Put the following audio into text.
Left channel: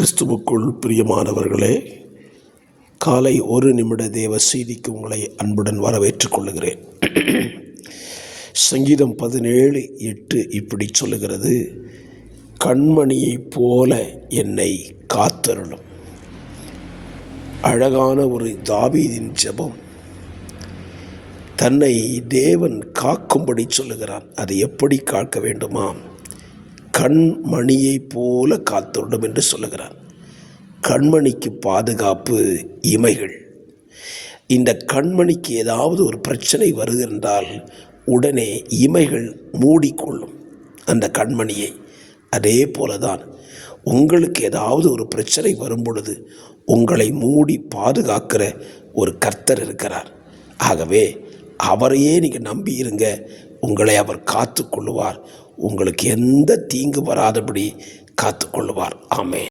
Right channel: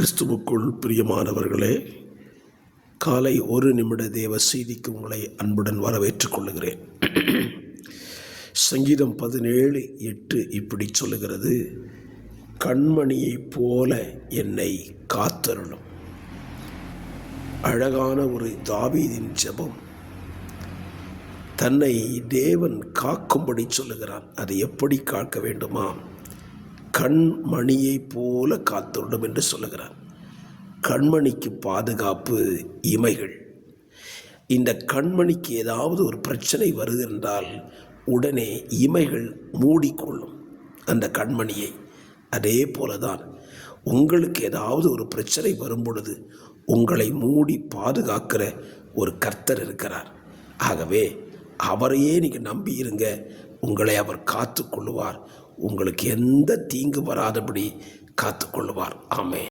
கிறிஸ்துவுக்குள் பிரியமானவர்களே, காலை ஒரு நிமிட தேவ செய்திக்கு உங்களை அன்புடன் வரவேற்றுக் கொள்ளுகிறேன். சங்கீதம் 17:8 இப்படி சொல்லுகிறது, கண்மணியைப் போல என்னை காத்தருளும். அழகான ஒரு தாவீதின் ஜெபம். தன்னை தேவன் காக்கும்படி சொல்லுகிறான். அதை எப்படி காக்க வேண்டுமா? கண்மணியைப் போல காத்தருளும் என்று சொல்லுகிறார். கண்மணிக்கு பாதுகாப்பு இமைகள். இந்த கண்மணிக்கு ஏதாவது ஒரு பிரச்சனை வருகின்றால் உடனே இமைகள் மூடிக்கொள்ளும் அந்த கண்மணியை. அதே போலதான் உங்களுக்கு ஏதாவது ஒரு பிரச்சனை வரும் பொழுது உங்களை மூடி பாதுகாக்கிற ஒரு கர்த்தர் இருக்கிறார். ஆகவே அவரையே நீங்கள் நம்பி இருங்க. உங்களை அவர் காத்து கொள்ளுவார். உங்களுக்கு எந்த தீங்கு வராதபடி காத்து கொள்ளுவார். ஆமென்.